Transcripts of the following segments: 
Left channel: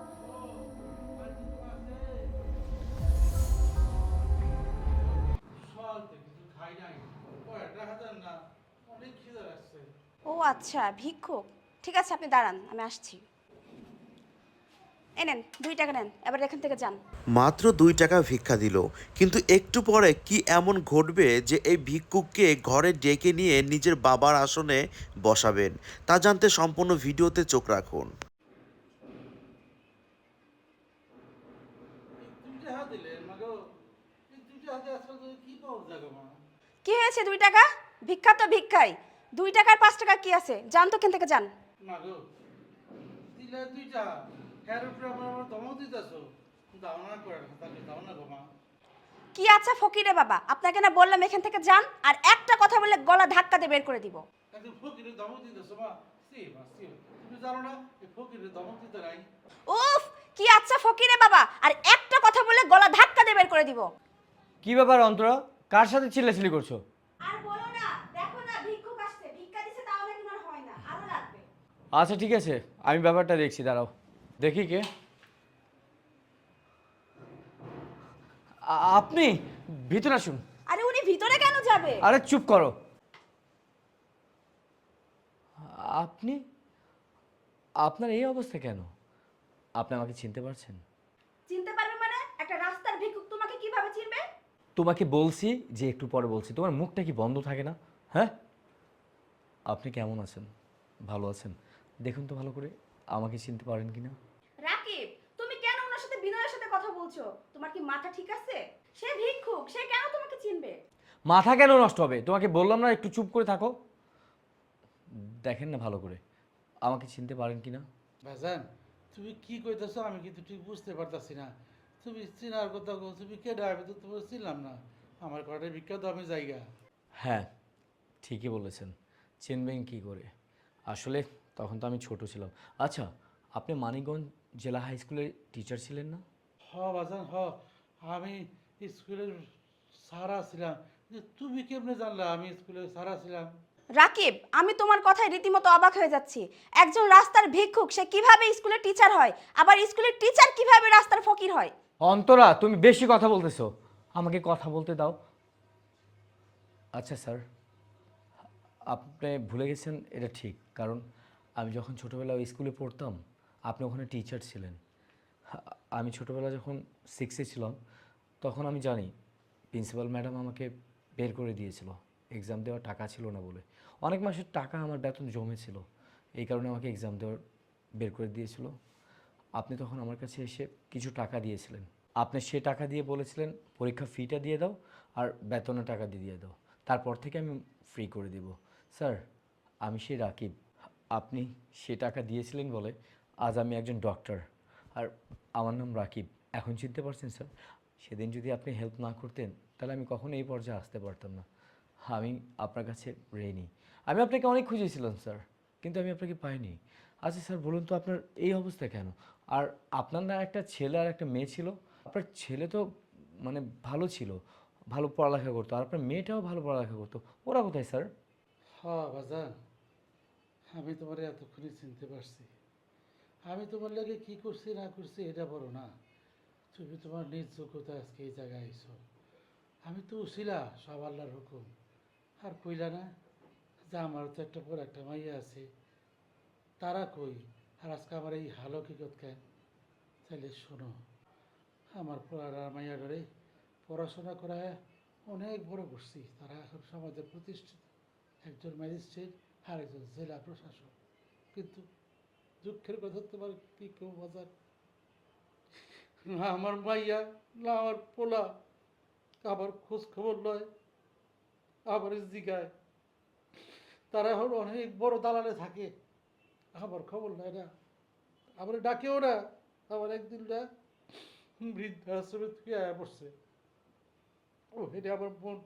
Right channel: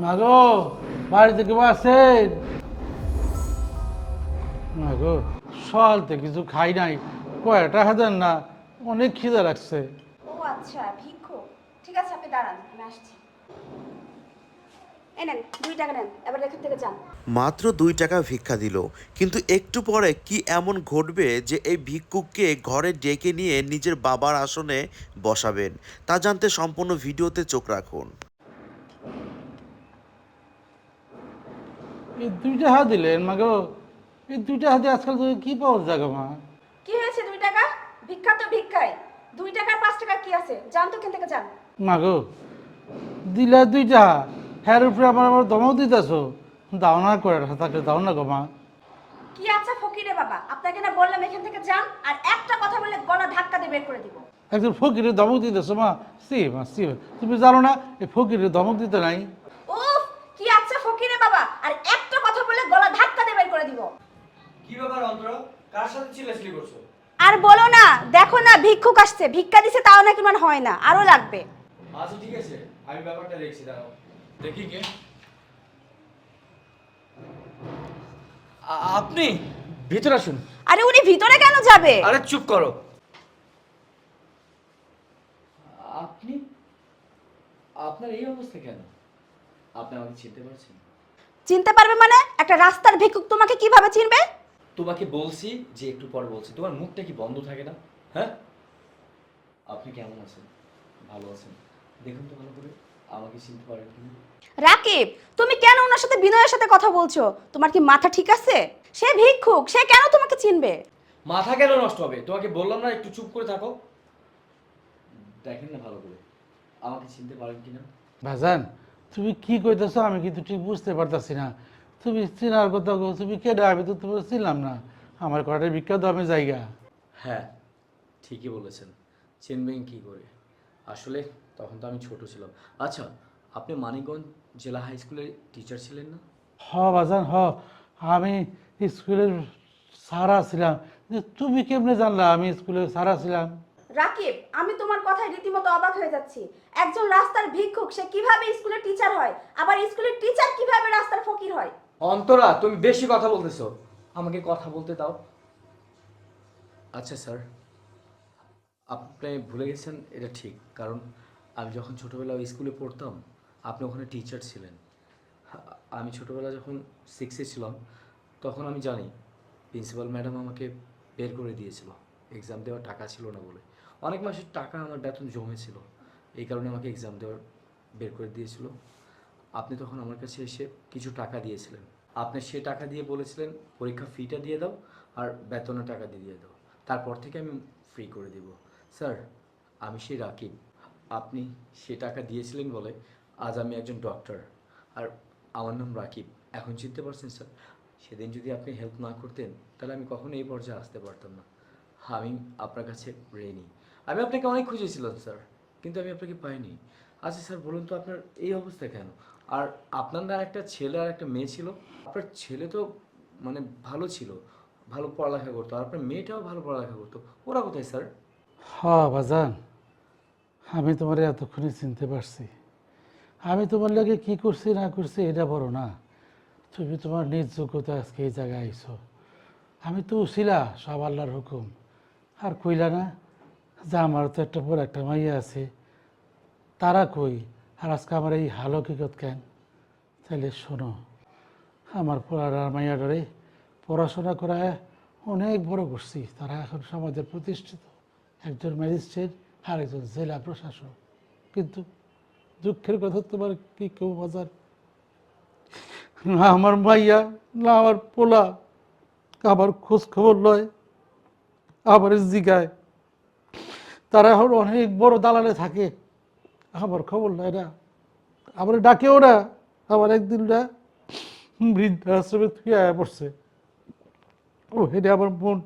মাগো বাড়িতে কেউ আছেন? মাগো সকালতে কিছু খাই নাই। কয়টা হাজার না? অনেক খিদে লাগছে। ও আচ্ছা ভিক্ষু। ঠিক আছে আপনি দাঁড়ান আমি আসছি। এই নেন দুই টাকা নেন এবার এখান থেকে যান। মাত্র দুই টাকা ভিক্ষা দিল কিন্তু একটু পরে কি এমন ঘটবে যে এই ভিক্ষুককে ঘরে ডেকে নিয়ে নিজের বাবার আসনে বসাবেন? তা জানতে সম্পূর্ণ ভিডিওতে চোখ রাখুন। এই দুইটা হাত দিলেন মাগো। এই দুইটা হাতে আজকাল তুমি কি পাওয়া যাবে মা? কি হয়েছে দুই টাকা? ভিক্ষা তো ভিক্ষাই। দুই টাকার পাঁচ টাকা কি আছে? যান তো এখান থেকে যান। মাগো দিলা দুইটা হ্যার উপরে আমার আবার দমাও দিতেছো। দাও না করে তাকে দাও না গো মা। কি আচ্ছা ফকিরে বাবা? আপনাকে না বললাম এখান থেকে যান আর একটা কথা বলে গলা ধাক্কা দিয়ে বের করে দিব। একজন ফকিরের ধমক দিতেছো মা। সি মা সি তুমি জানো না এই ফকিরের ধমক দিতে নাই। উফ কি আচ্ছা ফকিরে বাবা। আর বললে গলা ধাক্কা দিয়ে বের করে দিব। কি ব্যাপার অন্তরা? কার সাথে চিল্লাচিল্লি করছ? আর বলো না দেখো না ভিক্ষুক আসছে ভিক্ষা দিছে তাও নাকি মানে হয় না আরও লাগবে। আচ্ছা ঠিক আছে আমি ব্যাপারটা দেখছি দাঁড়াও। দেখি কে। আ- আপনি ভিতরে আসুন। আরে উনি ভিতরে কেন যাবে? আরে চুপ করো। আপনি আপনার এই অবস্থা কেন? আপনি আমাকে চিনতে পারছেন? চিনতে পারবে মানে? একটা রাস্তার ভিক্ষুক তোমাকে কীভাবে চিনবে? তোমাকে বলছি যে একটু পরে বলছি তোমার মুখটা কি বন্ধ থাকে না? হ্যাঁ? আপনি কেমন আছেন? ভালো আছেন? দেখুন তো ভালো করে আমাকে চিনতে পারেন কিনা? রাকিব তুমি কেন ওনার সাথে বিনয়ের সাথে কথা বলছো? তোমার কি মাথা ঠিক আছে? সে ভিক্ষুক সে কেন তোমাকে চিনবে? মাথা কেন নষ্ট হবে? তোমাকে বললাম না একটু চুপ করে থাকো। দেখেন না ভালো করে আমাকে চিনতে পারেন কিনা? ভাজান তুমি কি কইতেছো আমি কিন্তু ঠিক বুঝতে পারতাছি না। তুমি চিনার কথা কও, তুমি কেডা? আমি তো তোমার চিনলাম না। আমার কটার বিখ্যাত আমি জায়গা। হ্যাঁ ঠিকই বলেছেন। চিনবেন কি করে? আসলে তখন তো আমি ছোট ছিলাম। আচ্ছা আপনি মানিকগঞ্জ জেলা হাই স্কুলের টিচার ছিলেন না? হ বাজান হ। আমি স্কুলের সারা ছিলাম। তুমি কেমনে জানলা? আমি স্কুলের সারা ছিলাম। রাকিব আমি তোমার কথায় রীতিমতো অবাক হয়ে যাচ্ছি। একজন রাস্তার ভিক্ষুক সে কীভাবে স্কুলের টিচার হয়? আবার স্কুলের টিচার কীভাবে রাস্তার ফকির হয়? অন্তরা তুমি বেশি কথা বলতেছো। আমাকে কথা বলতে দাও। আচ্ছা স্যার। আপনি ভুলে গেছেন এটা ঠিক। কারণ আমি যখন ছোটোবেলায় স্কুলে পড়তাম আপনি ওখানে টিচার ছিলেন। আমি ছোটোবেলা যখন সিক্সে ছিলাম তখন আমি জানি প্রিন্সিপাল ম্যাডাম আমাকে বের করে দিয়েছিল। এক্সাম দেওয়ার টাকা ছিল না বলে। অনেক মাসের টাকা আমার বেতন জমেছিল। এই কারণে আমাকে এক্সাম দেওয়ার বের করে দিয়েছিল। আপনি তখন আমার কাছে এসে কিছু টাকা দিয়েছিলেন। আপনি সে টাকা দিয়ে বলেছিলেন পরীক্ষা ফিটা দিয়ে দাও আর বেতনের টাকা দিয়ে দিয়ে দাও। তারপর থেকে আমি ফ্রি করে দেব। স্যার, আমি সেই রাকিব। আপনি সে টাকা দিয়েছিলেন বলে আজ আমি একজন ডক্টর আর আমার নাম রাকিব। এখন চিনতে পারছেন স্যার, সেদিন যদি আপনি হেল্প না করতেন, তাহলে আমি কখনো এই পর্যায়ে আসতে পারতাম না। আমি আপনার কাছে ঋণী। আমি আপনাকে অনেক খুঁজেছিলাম স্যার। কিন্তু আমি আপনাকে পাইনি। আচ্ছা স্যার, বলুন তো আপনার এই অবস্থা কেন? আর আপনার না একটা ছেলে আর একটা মেয়ে ছিল। আপনার ছেলে তো মানে ভালো ছিল, ভালো পড়ালেখা করতো। আর আপনার মেয়েটাও ভালো পড়ালেখা করতো। ওরা কোথায়, স্যার? হ বাজান, আমি তোমার এতক্ষণে চিনতে পারছি। আমি তোমার লাগে কি করছি, না করছি, এটা বড় না। তুমি তোমার নিজ যোগ্যতা আজকে এই জায়গায় আইছো। আমি তো উছিলা সব আল্লাহর হুকুম। আর কইলা না যে আমার তো একটা পর একটা মাইয়া আছে, তারা কই? আর আজকে আমার এই হালো কিকত কেন? তাহলে শোনো, আমার পড়ার মাইয়াডারে পড়াশোনা করায় অনেক বড় করছি। তারা এখন সমাজে প্রতিষ্ঠিত, একজন ম্যাজিস্ট্রেট আর একজন জেলা প্রশাসক। কিন্তু দুঃখের কথা তোমার কি কেউ বাজার? না আমার মাইয়া, না আমার পোলা আমার খোঁজ খবর লয় আমার জিগায়। তারা এখন অনেক বড় দালালে থাকে। আমার খবর লয় না। আমার ডাকেও না। আমার একদিন না বৃদ্ধাশ্রমে তুই আয়া পড়ছে। ও হেডে আমার মন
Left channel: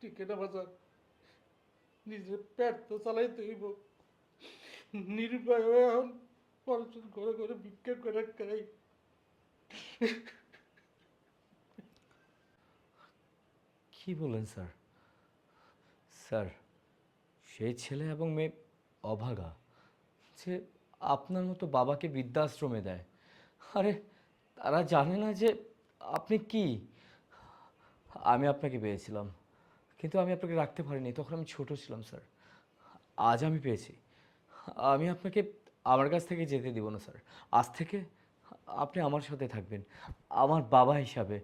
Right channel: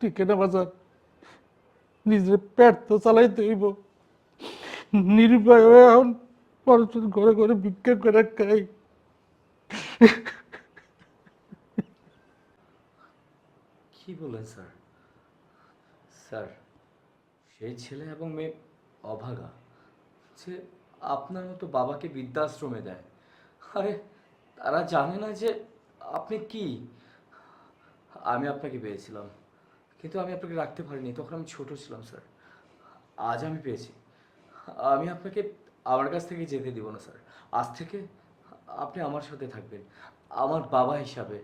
টিকে না বাজার। নিজের পেট তো চালাইতে হইব। নিরুপায় হয়ে এখন মানুষের ঘরে ঘরে ভিক্ষা করে খাই। কি বলেন স্যার? স্যার সেই ছেলে এবং মেয়ে অভাগা, যে আপনার মতো বাবাকে বৃদ্ধাশ্রমে দেয়। আরে, তারা জানে না যে আপনি কি? আমি আপনাকে পেয়েছিলাম, কিন্তু আমি আপনাকে রাখতে পারিনি। তখন আমি ছোটো ছিলাম, স্যার। আজ আমি পেয়েছি। আমি আপনাকে আমার কাছ থেকে যেতে দিব না, স্যার। আজ থেকে আপনি আমার সাথে থাকবেন। আমার বাবা হিসাবে,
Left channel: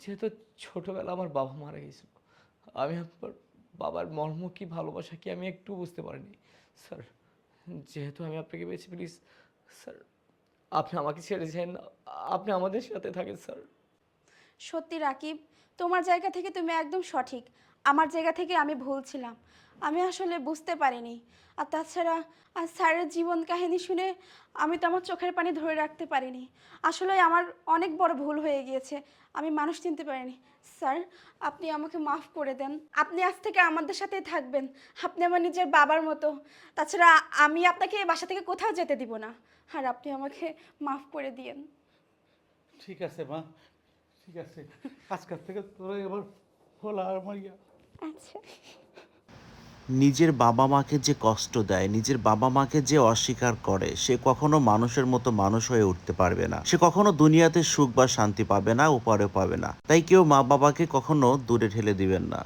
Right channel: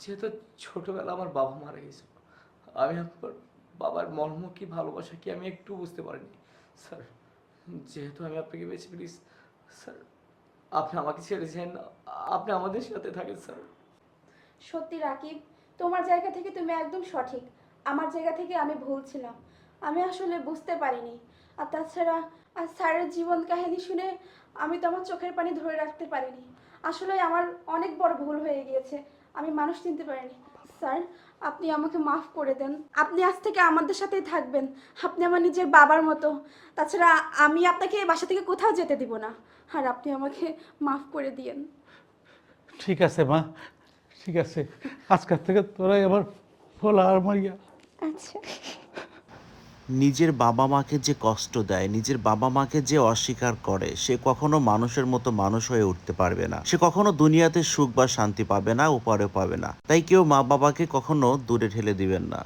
যেহেতু ছোটোবেলা আমার বাবা মারা গেছে আমি আপনার বাবার মর্ম কি ভালোবাসা কি আমি একটু বুঝতে পারিনি? স্যার, যেহেতু আমি আপনাকে বেছে প্লিজ স্যার, আপনি আমাকে ছেড়েছেন আপনি আমাদের সাথে থাকেন, স্যার। সত্যি রাকিব, তোমার জায়গা থেকে তুমি একদম সঠিক। আমার জায়গা থেকে আমি ভুল ছিলাম। আমি আসলে বুঝতে পারিনি। আর তাছাড়া আর স্যারের জীবন কাহিনী শুনে আমি তো আমার চোখের পানি ধরে রাখতে পারিনি। আসলে আমার অনেক বড় ভুল হয়ে গিয়েছে। আমি মানুষ চিনতে পারিনি। স্যার আপনি আমাকে মাফ করে দেন। আপনি আজ থেকে আমাদের সাথে থাকবেন। আপনি আমার নিজের বাবার মতো। তাছাড়া আমি আপনাকে বাসা থেকে কোথাও যেতে দিব না। আর আপনি আমাকে মাফ করে দিয়েন। ঠিক আছে মা। ঠিক আছে। আজকের থেকে তোরাই আমার ফোলা আর মারিয়া আচ্ছা। নিজের বাবা মাকে যে কষ্ট দেয়, নিজের বাবা মাকে যে অস্বীকার করে, সে কখনো মানুষের মতো মানুষ হয়ে উঠতে পারবে না। সে কখনো দুনিয়াতে সুখ বা শান্তি পাবে না উপারে পাবে না। তাই কেউ মা বাবাকে কখনো দূরে ঠেলে দিবেন না।